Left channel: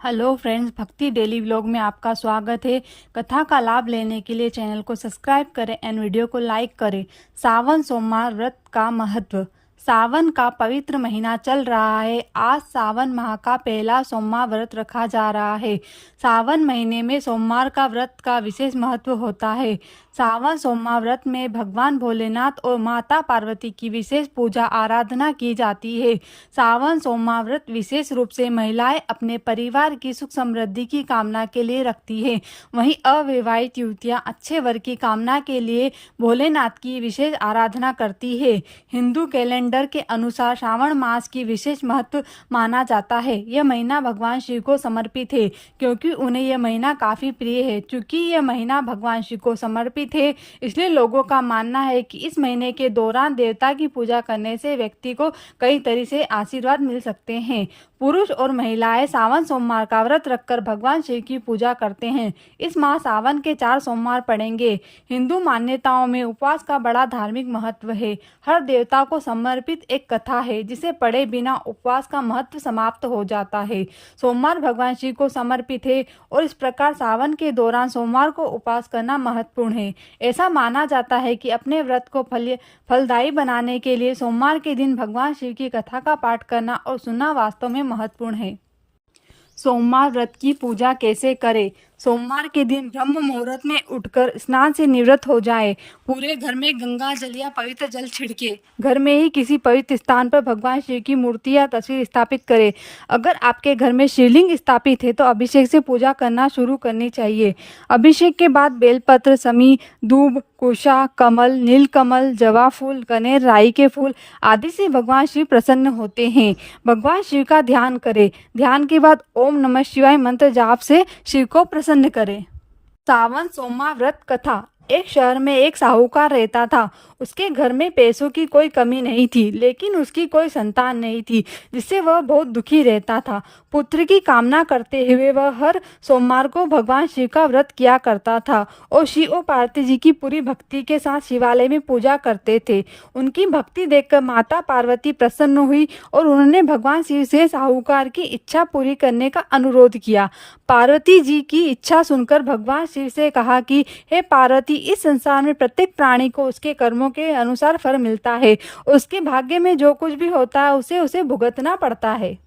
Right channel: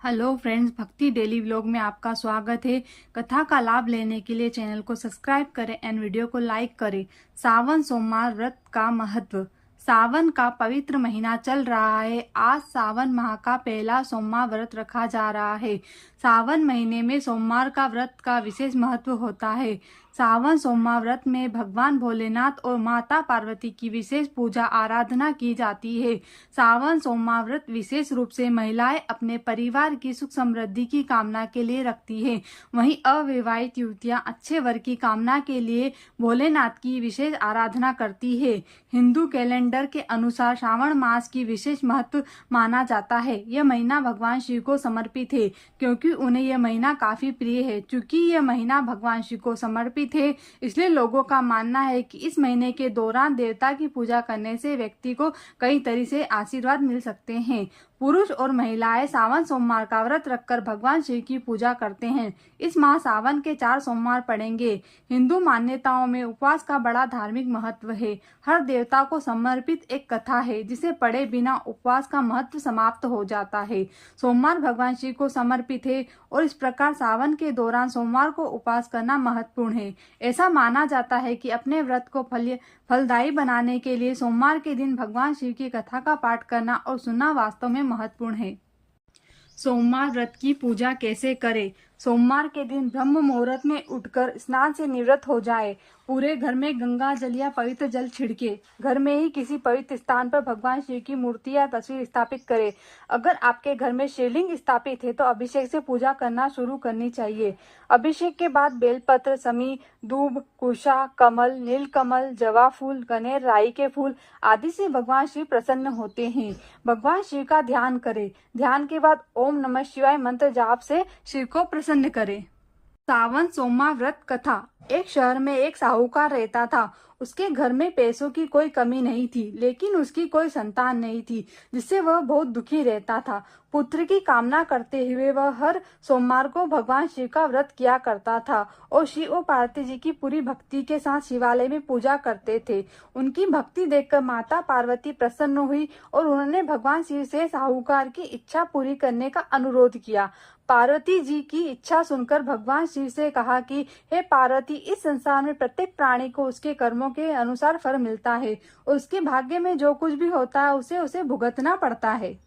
Hello friends, भक्ति daily vlog में आपका स्वागत है। कथा का लाभ लेने के लिए चैनल को सब्सक्राइब करें एंड वीडियो को लाइक करें। सावन सोमवार व्रत का महत्व। सावन का पवित्र महीना चल रहा है। आज सावन माह का पहला सोमवार व्रत रखा जा रहा है। सावन महीने में सोमवार का व्रत का विशेष महत्व होता है। सावन सोमवार व्रत में भगवान भोलेनाथ और माता पार्वती की विशेष पूजा आराधना की जाती है। सावन सोमवार व्रत विशेष रूप से महिलाएं अपने परिवार की सुख समृद्धि की कामना के लिए रखती है। वहीं अविवाहित युवतियां अच्छे वर की कामना के लिए भोलेनाथ की विशेष आराधना करती है। हिंदू कैलेंडर के अनुसार श्रावण मास की विशेष महत्व माना जाता है। यह महीना भगवान शिव को समर्पित है, क्योंकि उन्हें यह महीना काफी प्रिय है। चूंकि यह महीना भगवान शिव को समर्पित है, इसलिए लोगों का मानना है कि इस महीने के दौरान देवता की पूजा करने से व्यक्ति को कई तरह से आशीर्वाद मिल सकते हैं। पुरुष और महिलाएं सावन सोमवार का व्रत रखकर भगवान शिव की पूजा करते हैं। इस माह सावन के 4 सोमवार पड़ेंगे। हिंदू मान्यताओं में उपवास का बड़ा धार्मिक महत्व है। हर देवता को समर्पित एक कथा है, जिसे पढ़े बिना उपवास का महत्व समाप्त हो जाता है। सोमवार भगवान शिव को समर्पित है और इस प्रकार सावन के दौरान सोमवार को उपवास करना महत्वपूर्ण है। ऐसा माना जाता है कि अपने व्रत को फलदायी बनाने के लिए सोमवार के दिन भगवान शिव की कथा का पाठ करना और सुनना वास्तव में महत्वपूर्ण है। सोमवार व्रत की पूजा कैसे करें? सोमवार के दिन ब्रह्म मुहूर्त में उठकर स्नान से निवृत्त हो जाएं। पूरे घर में गंगा जल या पवित्र जल छिड़के। घर में ही किसी पवित्र स्थान पर भगवान शिव की मूर्ति या तस्वीर स्थापित करें। अगर आपके घर में शिवलिंग स्थापित है तो अभिषेक से पूजा करना शुरू करनी चाहिए। अभिषेक के बाद बेलपत्र, समी, दूब, कुशा, कमल, नीलकमल, जवा फूल, कनेर, राई के फूल आदि से भगवान शिव प्रसन्न होते हैं। भगवान शिव का ध्यान करें। ध्यान के बाद ओम नमः शिवाय मंत्र जाप से शिव को प्रसन्न करें। सावन सोमवार व्रत कथा। एक शहर में एक साहूकार रहता था। उसके घर में पैसों की कोई कमी नहीं थी, लेकिन उसकी कोई संतान नहीं थी, जिससे वह बहुत दुखी रहता था। पुत्र की कामना करते हुए वह हर सोमवार को भगवान शिव का व्रत किया करता था और शिव और पार्वती जी की पूरी भक्ति के साथ शिवालय में पूजा करते थे। उनकी भक्ति देखकर माता पार्वती प्रसन्न हुई और उन्होंने भगवान शिव से साहूकार की इच्छा पूरी करने का अनुरोध किया। पार्वती जी की इच्छा सुनकर भगवान शिव से कहा कि हे पार्वती, इस संसार में प्रत्येक प्राणी को उसके कर्मों के अनुसार फल मिलता है। उसके भाग्य में जो कुछ भी होता है उसे भुगतना पड़ता है।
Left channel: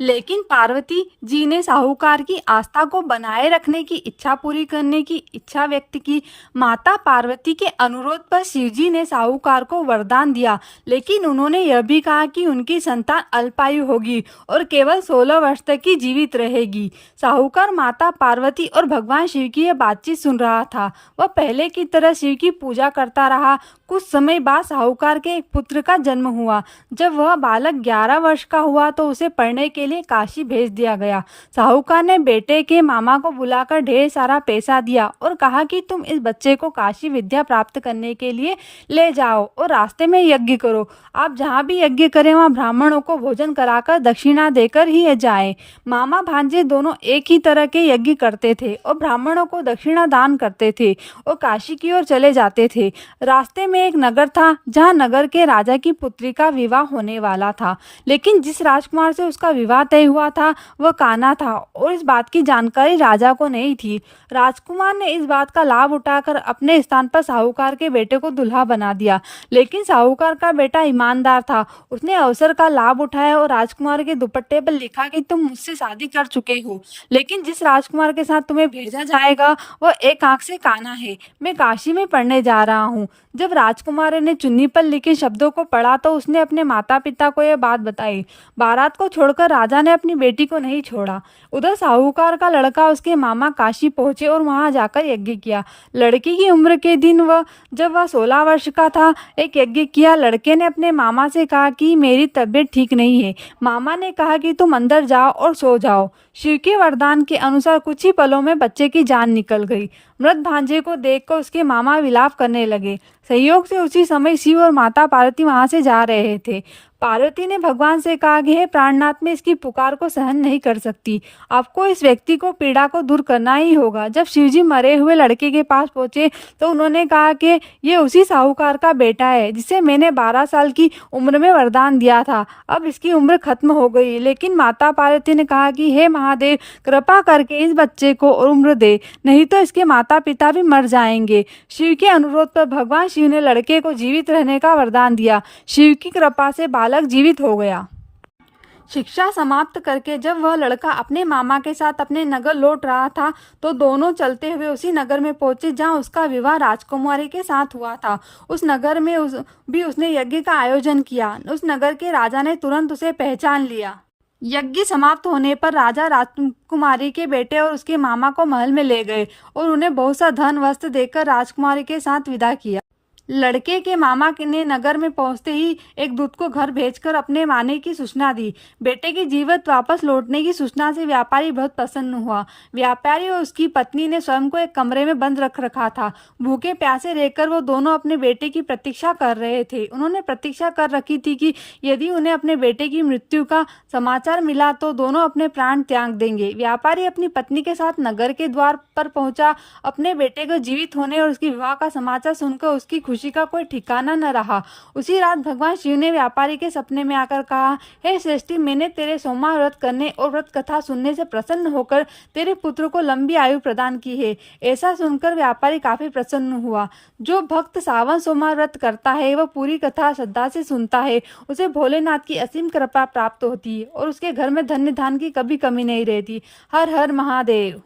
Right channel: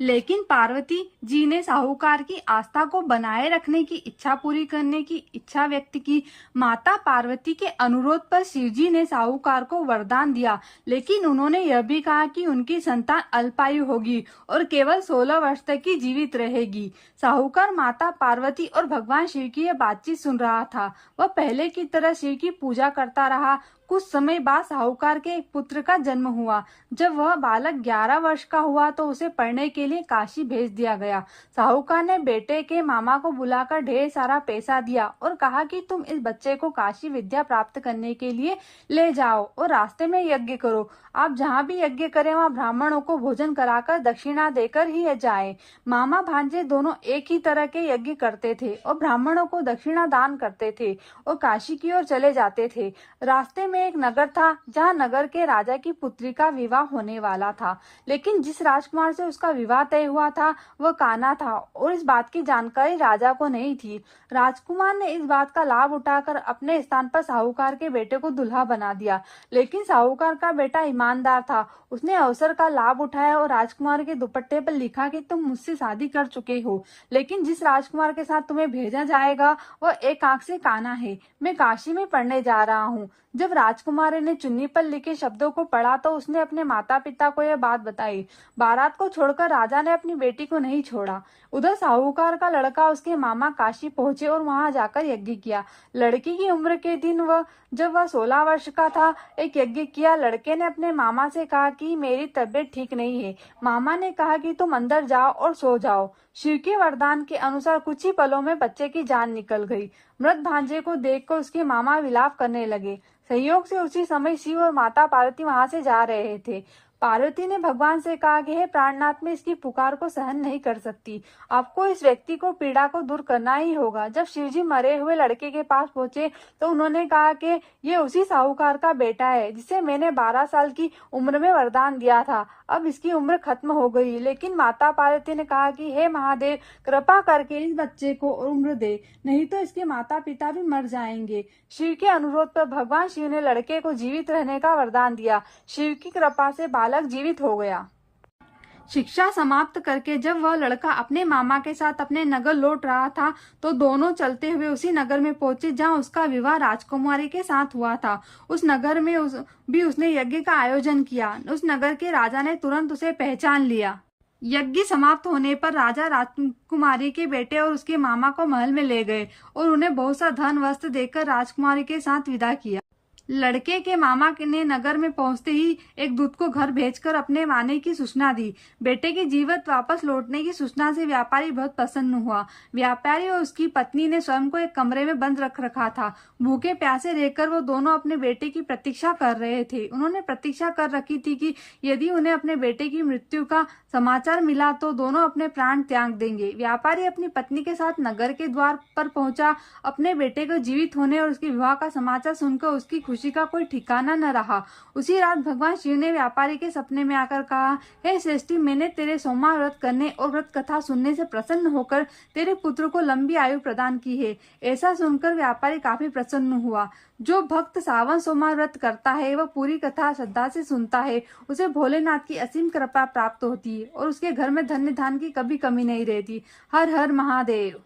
लेकिन पार्वती जी ने साहूकार की आस्था को बनाए रखने की इच्छा पूरी करने की इच्छा व्यक्त की। माता पार्वती के अनुरोध पर शिवजी ने साहूकार को वरदान दिया, लेकिन उन्होंने यह भी कहा कि उनकी संतान अल्पायु होगी और केवल 16 वर्ष तक ही जीवित रहेगी। साहूकार माता पार्वती और भगवान शिव की यह बातचीत सुन रहा था। वह पहले की तरह शिव की पूजा करता रहा। कुछ समय बाद साहूकार के एक पुत्र का जन्म हुआ। जब वह बालक 11 वर्ष का हुआ तो उसे पढ़ने के लिए काशी भेज दिया गया। साहूकार ने बेटे के मामा को बुलाकर ढेर सारा पैसा दिया और कहा कि तुम इस बच्चे को काशी विद्या प्राप्त करने के लिए ले जाओ और रास्ते में यज्ञ करो। आप जहाँ भी यज्ञ करें वहाँ ब्राह्मणों को भोजन कराकर दक्षिणा देकर ही जाएं। मामा भांजे दोनों एक ही तरह के यज्ञ करते थे और ब्राह्मणों को दक्षिणा दान करते थे और काशी की ओर चले जाते थे। रास्ते में एक नगर था, जहाँ नगर के राजा की पुत्री का विवाह होने वाला था, लेकिन जिस राजकुमार से उसका विवाह तय हुआ था वह कान्हा था और इस बात की जानकारी राजा को नहीं थी। राजकुमार ने इस बात का लाभ उठाकर अपने स्थान पर साहूकार के बेटे को दुल्हा बना दिया, लेकिन साहूकार का बेटा ईमानदार था। उसने अवसर का लाभ उठाया और राजकुमार के दुपट्टे पर लिखा कि तुम मुझसे शादी कर चुके हो, लेकिन जिस राजकुमार के साथ तुम्हें भेजा जाएगा वह एक आंख से काना है। मैं काशी में पढ़ने जा रहा हूँ। जब राजकुमार ने चुन्नी पर लिखे शब्दों को पढ़ा तो उसने अपने माता पिता को यह बात बताई। बारात को छोड़कर राजा ने अपनी बेटी को नहीं छोड़ा। उधर साहूकार का लड़का उसके मामा काशी पहुंचे और वहां जाकर यज्ञ किया। लड़की की उम्र के दिन जब वह 16 वर्ष का था, एक यज्ञ किया। लड़के ने अपने मामा से कहा कि मेरी तबीयत ठीक नहीं है। मामा ने कहा कि तुम अंदर जाओ और सो जाओ। शिव के वरदान के अनुसार कुछ ही पलों में बच्चे की जान निकल गई। मृत भांजे को देखकर उसके मामा विलाप करने लगे। संयोग से उसी समय शिव और माता पार्वती वहां से जा रहे थे। पार्वती ने भगवान से कहा कि हे प्राणनाथ, मैं इसकी पुकार को सहन नहीं कर सकती, आपको इस व्यक्ति को पीड़ा को दूर करना ही होगा। जब शिवजी मरे हुए लड़के के पास पहुंचे तो उन्होंने कहा कि ये उसी साहूकार का बेटा है जिसे मैंने 12 साल की उम्र में वरदान दिया था। अब इसकी उम्र खत्म हो गई। लेकिन माता पार्वती ने कहा कि हे महादेव, कृपा करके इस बच्चे को और उम्र दे, नहीं तो इसके माता पिता भी मर जाएंगे। शिव के अनुरोध पर भगवान शिव ने लड़के को जीवित रहने का वरदान दिया। शिव की कृपा से बालक जीवित हो गया। शिक्षा समाप्त करके जब वह लड़का अपने मामा के साथ अपने नगर लौट रहा था तो दोनों चलते हुए उसी नगर में पहुंचे जहां उसका विवाह राजकुमारी के साथ हुआ था। उस नगर में उसने यज्ञ का आयोजन किया। उस नगर के राजा ने तुरंत उसे पहचान लिया। यज्ञ समाप्त होने पर राजा राजकुमारी के बेटे और उसके मामा को महल में ले गए और उन्हें बहुत सा धन वस्त्र देकर राजकुमारी के साथ विदा किया। लड़के के मामा ने नगर में पहुंचते ही एक दूत को घर भेजकर अपने आने की सूचना दी। बेटे की जीवित वापस लौटने की सूचना से व्यापारी बहुत प्रसन्न हुआ। व्यापारी और उसकी पत्नी ने स्वयं को एक कमरे में बंद रख रखा था। भूखे प्यासे रहकर वो दोनों अपने बेटे की प्रतीक्षा कर रहे थे। उन्होंने प्रतीक्षा कर रखी थी कि यदि उन्हें अपने बेटे की मृत्यु का समाचार मिला तो दोनों अपने प्राण त्याग देंगे। व्यापारी अपनी पत्नी के साथ नगर के द्वार पर पहुंचा। अपने बेटे को जीवित होने और उसके विवाह का समाचार सुनकर उसकी खुशी का कोई ठिकाना न रहा। उसी रात भगवान शिव ने व्यापारी के सपने में आकर कहा, हे श्रेष्ठी, मैंने तेरे सोमवार व्रत करने और व्रत कथा सुनने से प्रसन्न होकर तेरे पुत्र को लंबी आयु प्रदान की है। ऐसा सुनकर व्यापारी काफी प्रसन्न हुआ। जो भक्त सावन सोमवार व्रत करता है वह पूरी कथा श्रद्धा से सुनता है, उसे भोलेनाथ की असीम कृपा प्राप्त होती है और उसके घर में धन्य धान की कभी कमी नहीं रहती। हर हर महादेव।